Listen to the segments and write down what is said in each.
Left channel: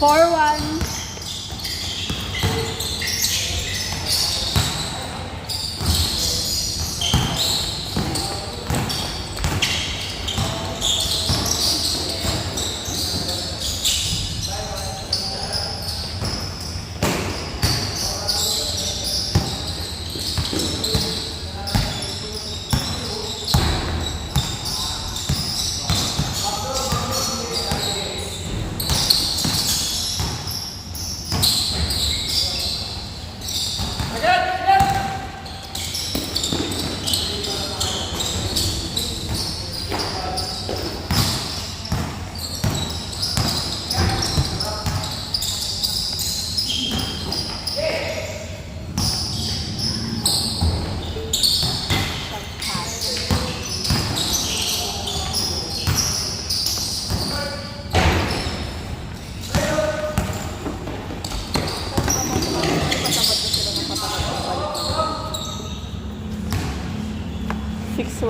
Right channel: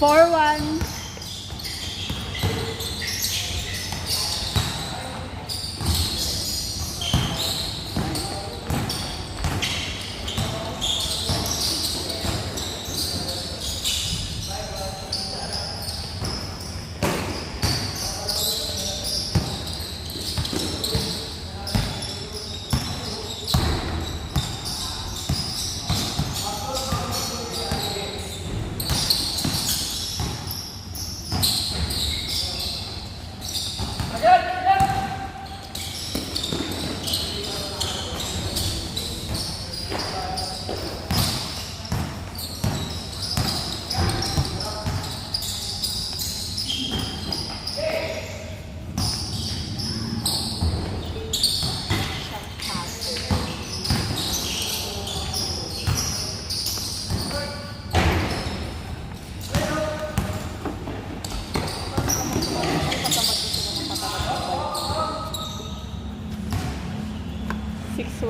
4-1.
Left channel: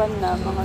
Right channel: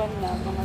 Na mga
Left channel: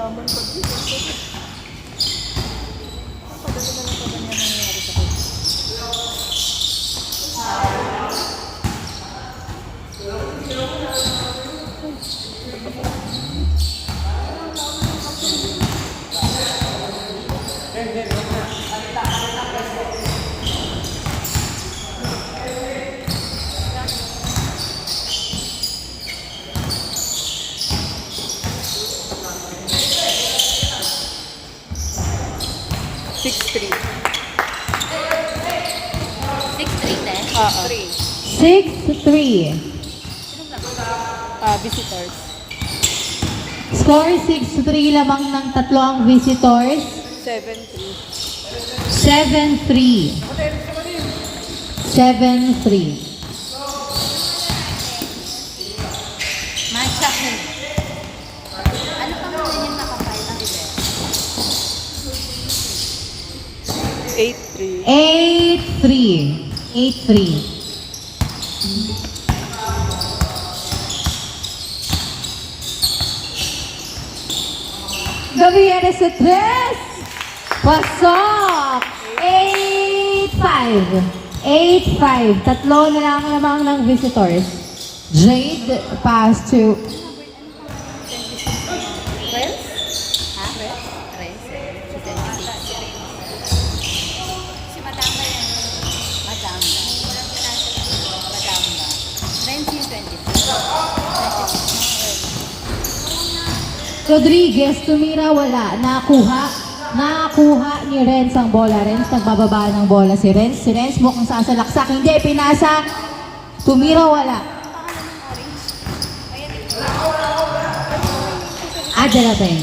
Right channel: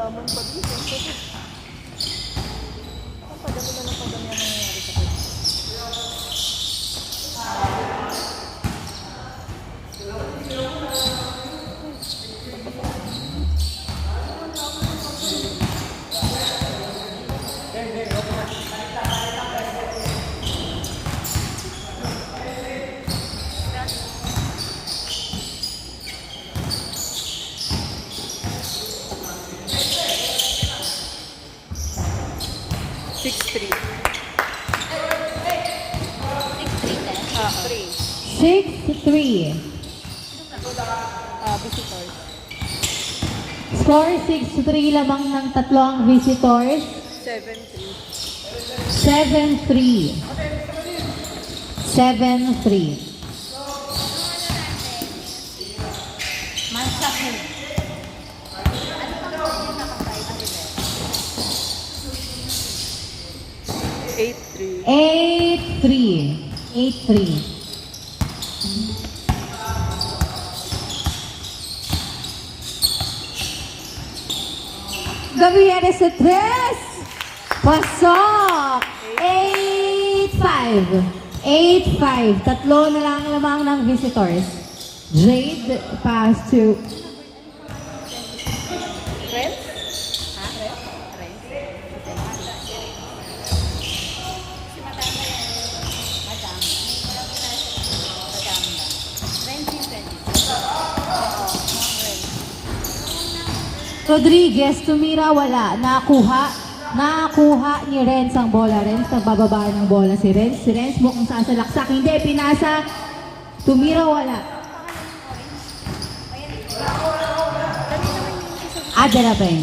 laman pa din. Ang padami na lang padami ang nangyayari sa kanya. Visitors. Score 6-3 lamang ng tatlong visitors. 7-3. 7-3. Manchester. 8-3. Gavieres sa 3. Pasok. 8-5. 8-5. Tatlo na lang lamang ng visitors. Jade pass to Rens? Si Madam. Rens 20. Rodriguez, tumira, wala. Nakuha ni Renz ang bola. Renz, nagbababa ng bola si Renz. Si Renz mukhang sasalaksak. Hindi, pinasa. Tumira, wala. Adelapen.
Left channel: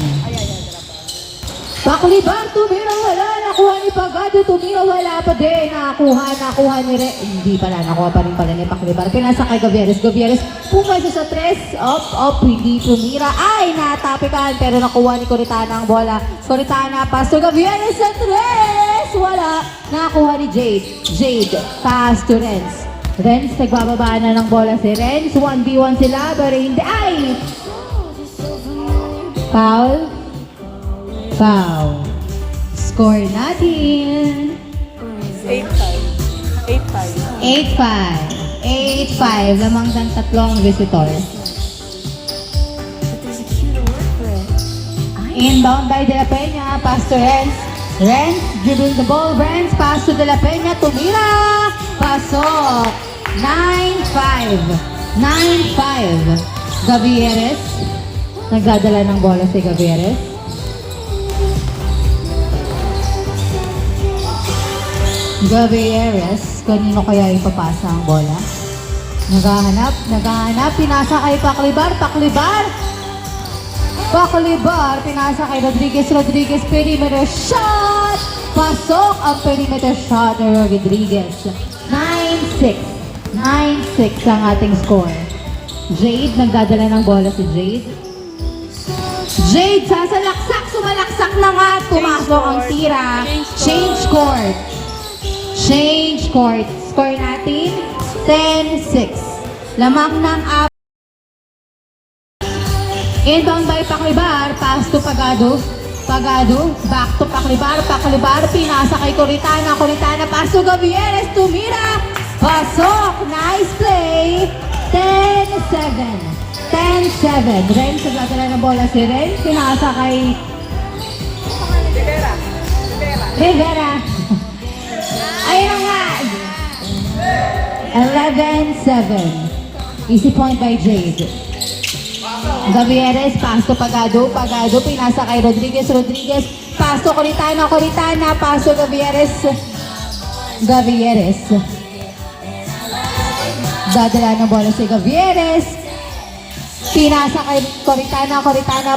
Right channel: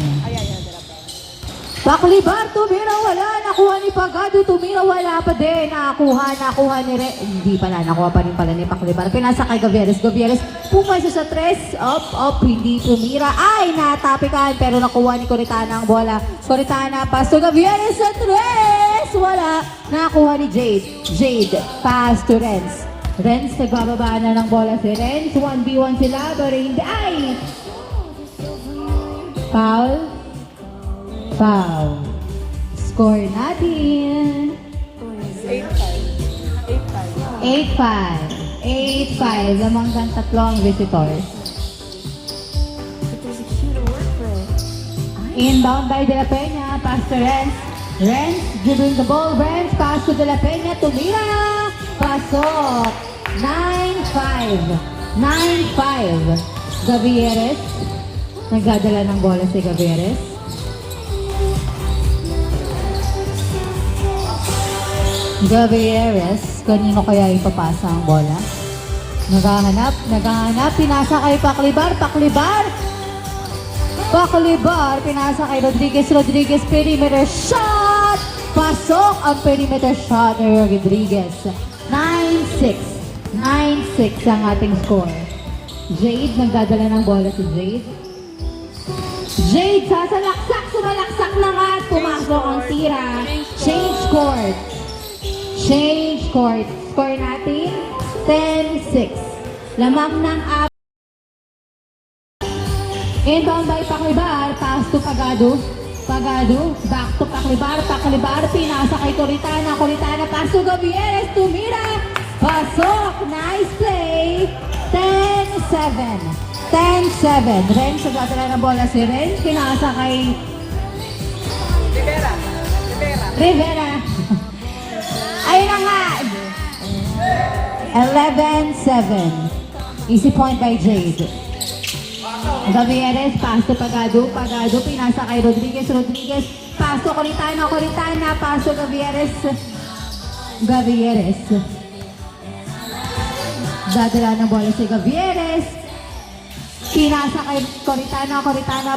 Baklibar, tumira, wala. Nakuha ni Pagado, tumira, wala pa din. Nakuha ni Renz. Hindi pala, nakuha pa rin pala ni Baklibar. Pinasa kay Gavieres. Gavieres, pumasa sa 3. Up, hindi tumira. Ay, natapikan. Pero nakuha ni Coritana ang bola. Coritana, pass to Gavieres sa 3. Wala. Nakuha ni Jade. Jade, pass to Renz. Renz, nagbababa na ng bola si Renz. 1v1 sila, pero hindi. Ay! Foul. Score natin. 8-5. 8-5. 8-5. Lamang ng tatlong visitors. Inbound by De La Peña. Pass to Renz. Renz dribbling the ball. Renz pass to De La Peña. Tumira. Pasok. 9-5. 9-5. Gavieres. Nagdadala ng bola si Gavieres. Gavieres. Kanino kaya ipapasa ang bola? Naghahanap. Pinasa kay Paklibar. Paklibar, pinasa kay Rodriguez, perimeter shot! Pasok ang perimeter shot ni Rodriguez. 9-6. 9-6 ang ating score. Jade, nagdadala ng bola si Jade. Jade, sasalaksak, sumalaksak na nga. Pumasok ang tira. Change court. Score natin, 10-6. Lamang ng inbound by Paklibar, pass to Pagado, back to Paklibar, pinasa kay Coritana, pass to Gavieres, tumira, pasok, nice play, 10-7, Renz, nagdadala ng bola si Renz, pinasa kay Rivera, ayun nga, 11-7, easy point by Jade. Gavieres, pass to Pagado, pinasa kay Rodriguez, pass to Coritana, pass to Gavieres. Dadala ng bola si Gavieres. Pinasa kay Coritana,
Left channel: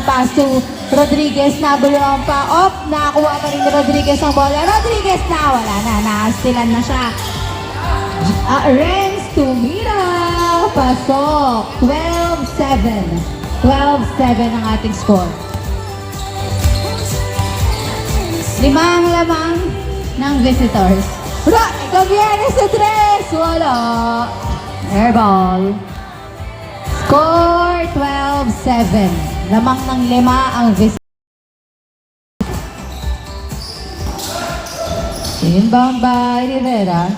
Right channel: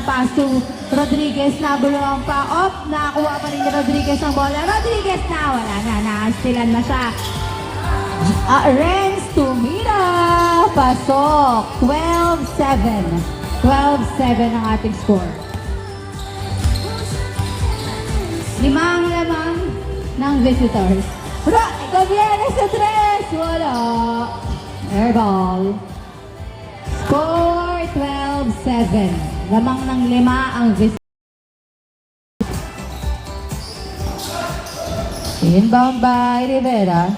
pass to Rodriguez, nabulong pa, nakakuha pa rin ni Rodriguez ang bola. Rodriguez na, wala na, nakastilan na siya. Renz, tumira, pasok, 12-7. 12-7 ang ating score. Lamang ng visitors. Gavieres sa 3! Wala. Airball. Score 12-7. Lamang ng 5 ang visitors. Inbound by Rivera.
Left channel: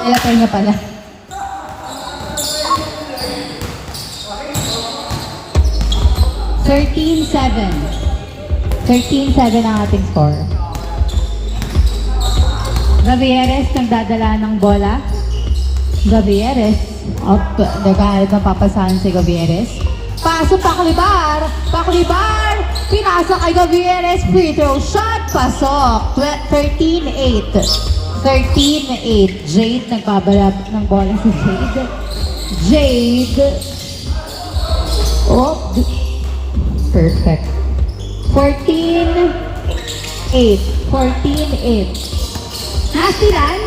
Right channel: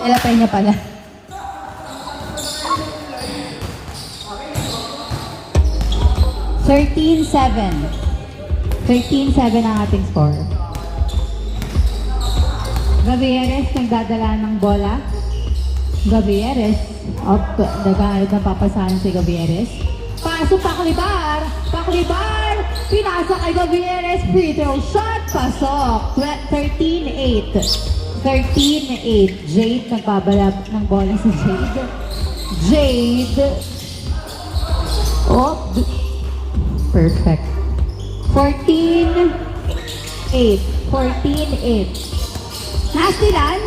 Ilapay niya pala. 13-7 ang ating score. Gavieres nagdadala ng bola. Gavieres. Naghahanap ng papasahan si Gavieres. Pasok Paklibar. Pinasa kay Gavieres. Free throw shot. Pasok. 13-8. Jade nagbabalap ng bola si Jade. Perfect. 14-8. Nastilan.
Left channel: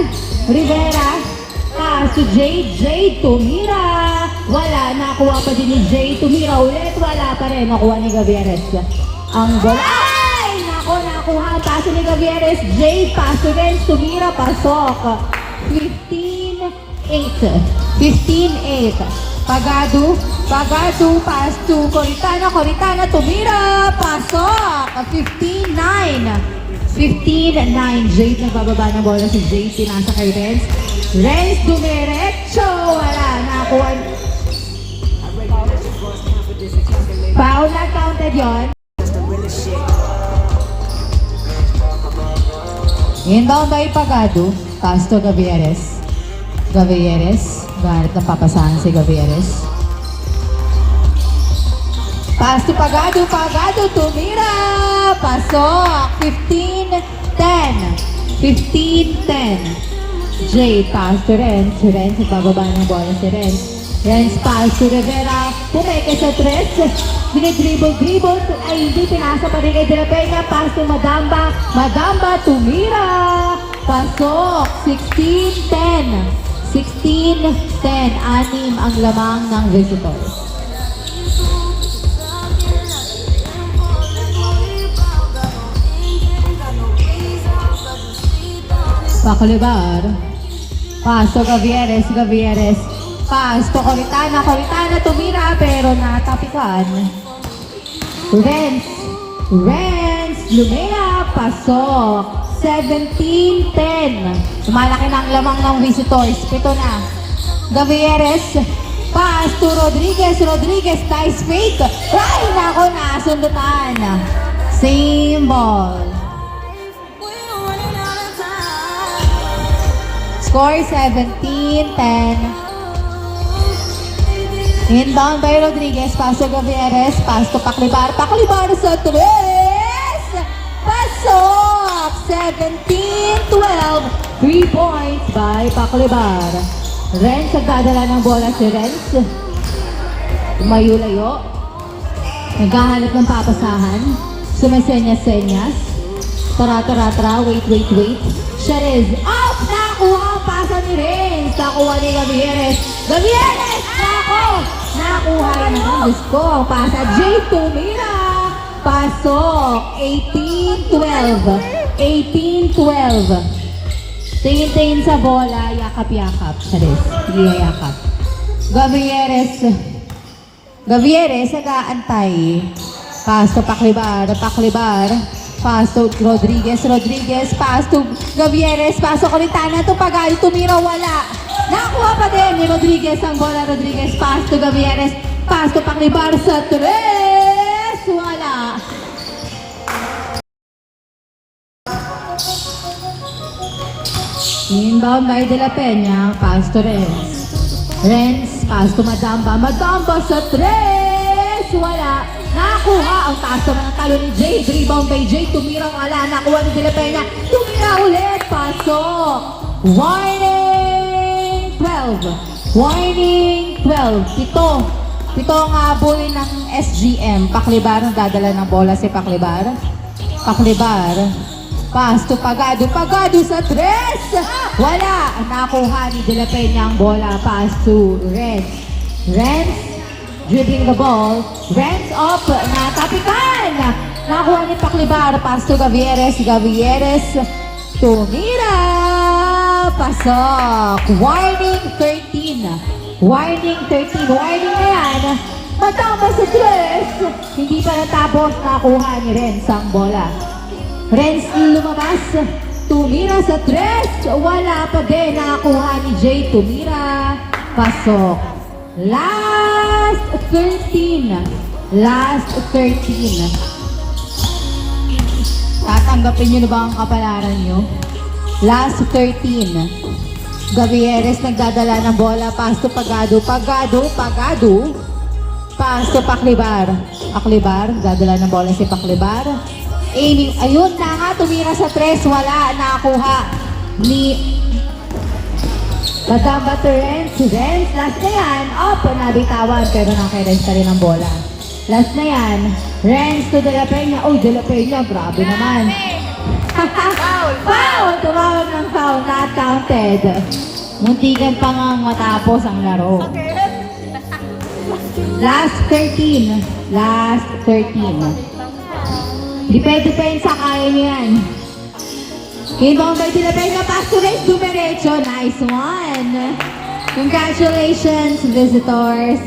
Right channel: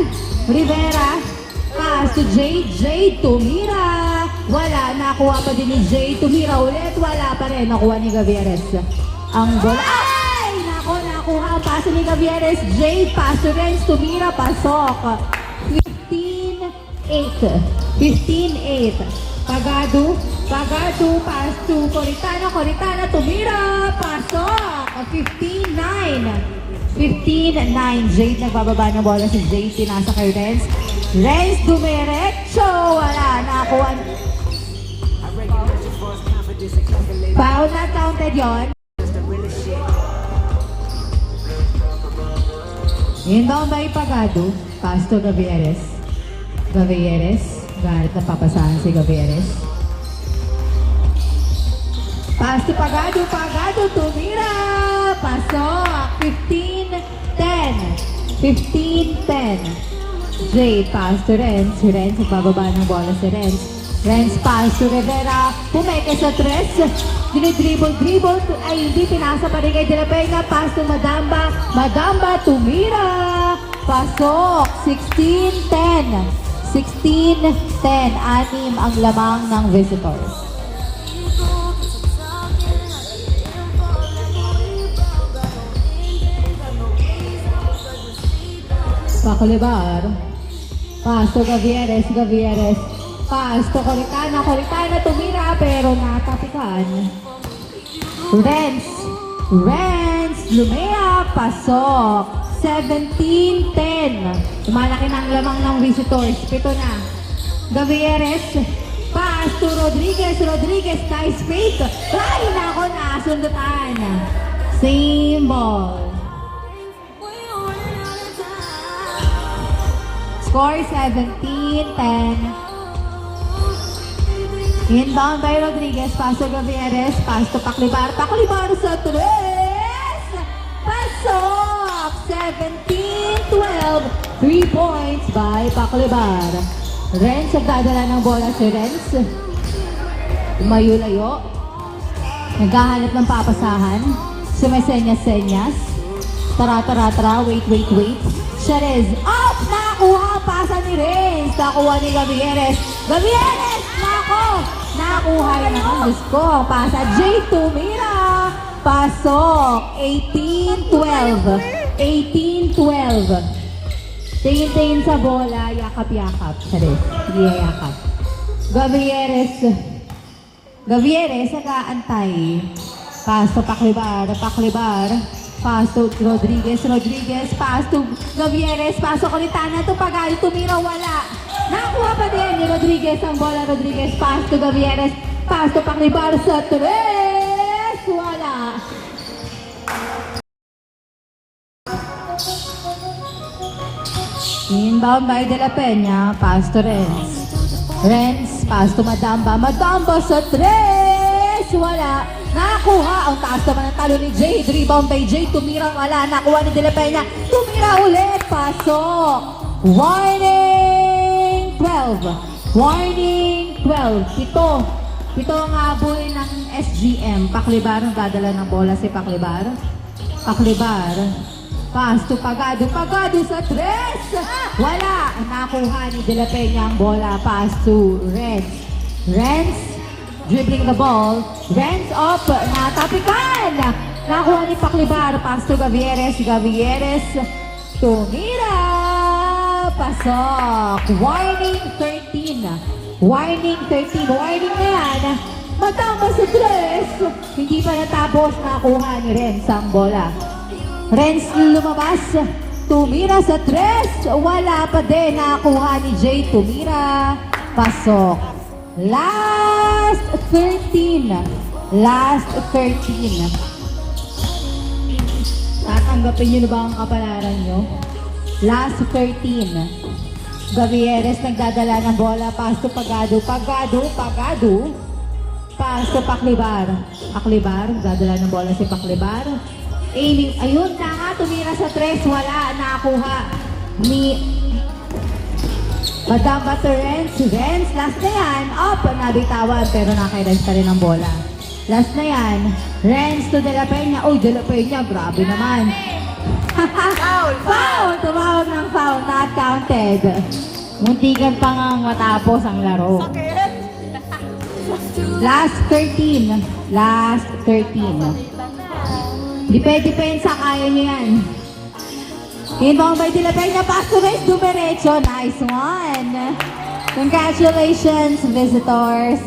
Rivera. Pass to Jade. Tumira. Wala. Nakuha pa din ni Jade. Tumira ulit. Wala pa rin. Nakuha ni Gavieres. Ang bola. Ay! Nakuha. Pass ni Gavieres. Jade. Pass to Renz. Tumira. Pasok. 15-8. Pagado, pass to Coritana, tumira, pasok, 15-9, Jade, nagbababa ng bola si Jade, pinasa kay Renz, dumiretso, wala, nakuha, foul na counted yun, inbound by Pagado, pass to Gavieres, Galit na papasahan si Gavieres. Pass to Pagado, tumira! Pasok! 15-10. Jade, pass to Renz. Ibababa ng bola si Renz. Pass to Rivera. Tumeke sa 3. Dinidribble. Hindi, pinasa pa rin kay De La Peña. Pass to Madamba, tumira! Pasok! 16-10. 16-10, 6 ang lamang ng visitors. Paklibar. Pass to Gavieres. Pass to Coritana, tumira pero natapikan. Renz, Lumea, pasok. 17-10. Malaki na ang lamang ng visitors. Pito na. Gavieres. Pass to Rodriguez. Rodriguez, nice fake. Ay, nako, nasundutan. Same ball. Score 17-10. Inbound by Rodriguez. Pass to Gavieres. Pass to Paclibar. Paclibar sa 3. Pasok! 17-12. 3 points by Paclibar. Renz nagdadala ng bola si Renz. Tumayo-layo. Naghahanap ng papasahan. Sumesenyas-senyas. Tara. Wait. Sharez. Out! Nakuha ang pasa ni Renz. Nakuha ni Gavieres. Gavieres! Nakuha yung gusto. Pasa J. Tumira. Pasok. 18-12. 18-12. Tingin-tingin sa bola, yakap-yakap. Charis, hindi yakap. Gavieres, nag-aantay. Pass to Paclibar. Pass to Rodriguez. Pass to Gavieres. Pasok ulit na to Pagal. Tumira, wala. Nakuha pa din ni Rodriguez ang bola. Rodriguez, pass to Gavieres. Pass to Paclibar sa 3. Wala. Inbound by De La Peña, pass to Renz. Pass to Madamba sa 3! Wala. Nakuha ang pass to ng talo ni Jay. Rebound by Jay, tumirang ala. Nakuha ni De La Peña. Tumira ulit. Pasok. Warning 12. Pito ang habol ng SGM. Paclibar ang dadala ng bola si Paclibar. Pass to Pagado sa 3! Wala! Nakuha ni De La Peña ang bola. Pass to Renz. Dribbling the ball. Renz up. Natapikan! Nakuha ni Paclibar. Pass to Gavieres. Tumira! Pasok! Warning 13. Warning na yan. Matama sa 3! Hindi pa natapos. Nakuha ni Renz ang bola. Renz lumabas. Tumira sa 3. Wala pa din. Nakuha ni Jay. Tumira. Pasok. Last 13. Tatanggapin nyo na ba ang kapalaran nyo? Last 13. Gavieres nagdadala ng bola. Pass to Pagado. Pass to Paclibar. Nagdadala ng bola si Paclibar. Aiming, ayun na nga, tumira sa 3, wala, nakuha ni Madamba to Renz, last na yan, nabitawan, pero naki-Renz pa rin ang bola. Last na yan, Renz to De La Peña, De La Peña, grabe naman. Foul! Tumawag ng foul, not counted. Muntikan pa nga matapos ang laro. Last 13. Depensa, kaya niyo yan. Inbound by De La Peña, pass to Renz, dumiretso. Nice one. Congratulations, visitors.